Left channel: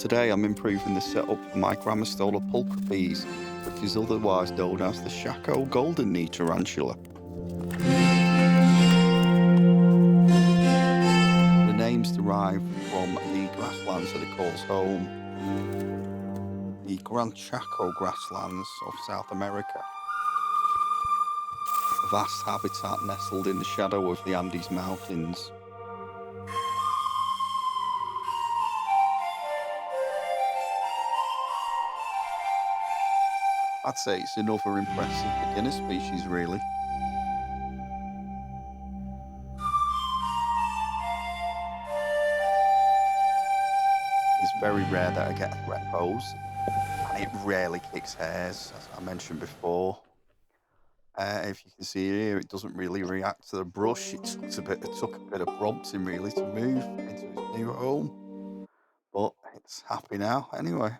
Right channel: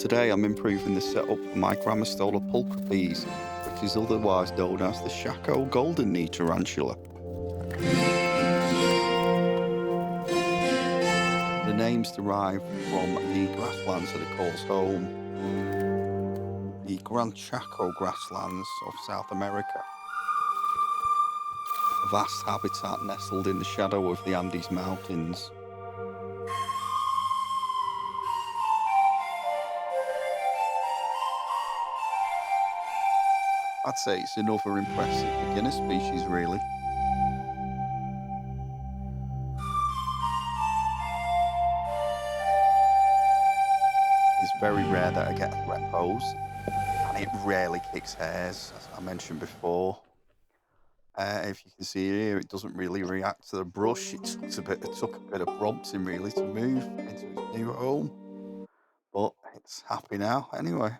today I'm improving the setup for my Grammostola pulchripes, which is otherwise known as the Chaco Golden Knee Tarantula. The name's derived from the grasslands that it calls home, the Gran Chaco grasslands of South America, a vast habitat nestled in the shadow of the Andes Mountains. I'd say it's another impressive beginner species, really. It's very rare that I get a threat pose, and it rarely kicks hairs, as I mentioned before. If you can see here, it doesn't really react to the brush. It took a bit of prompting really to move into its new home, but it's happy now anyway.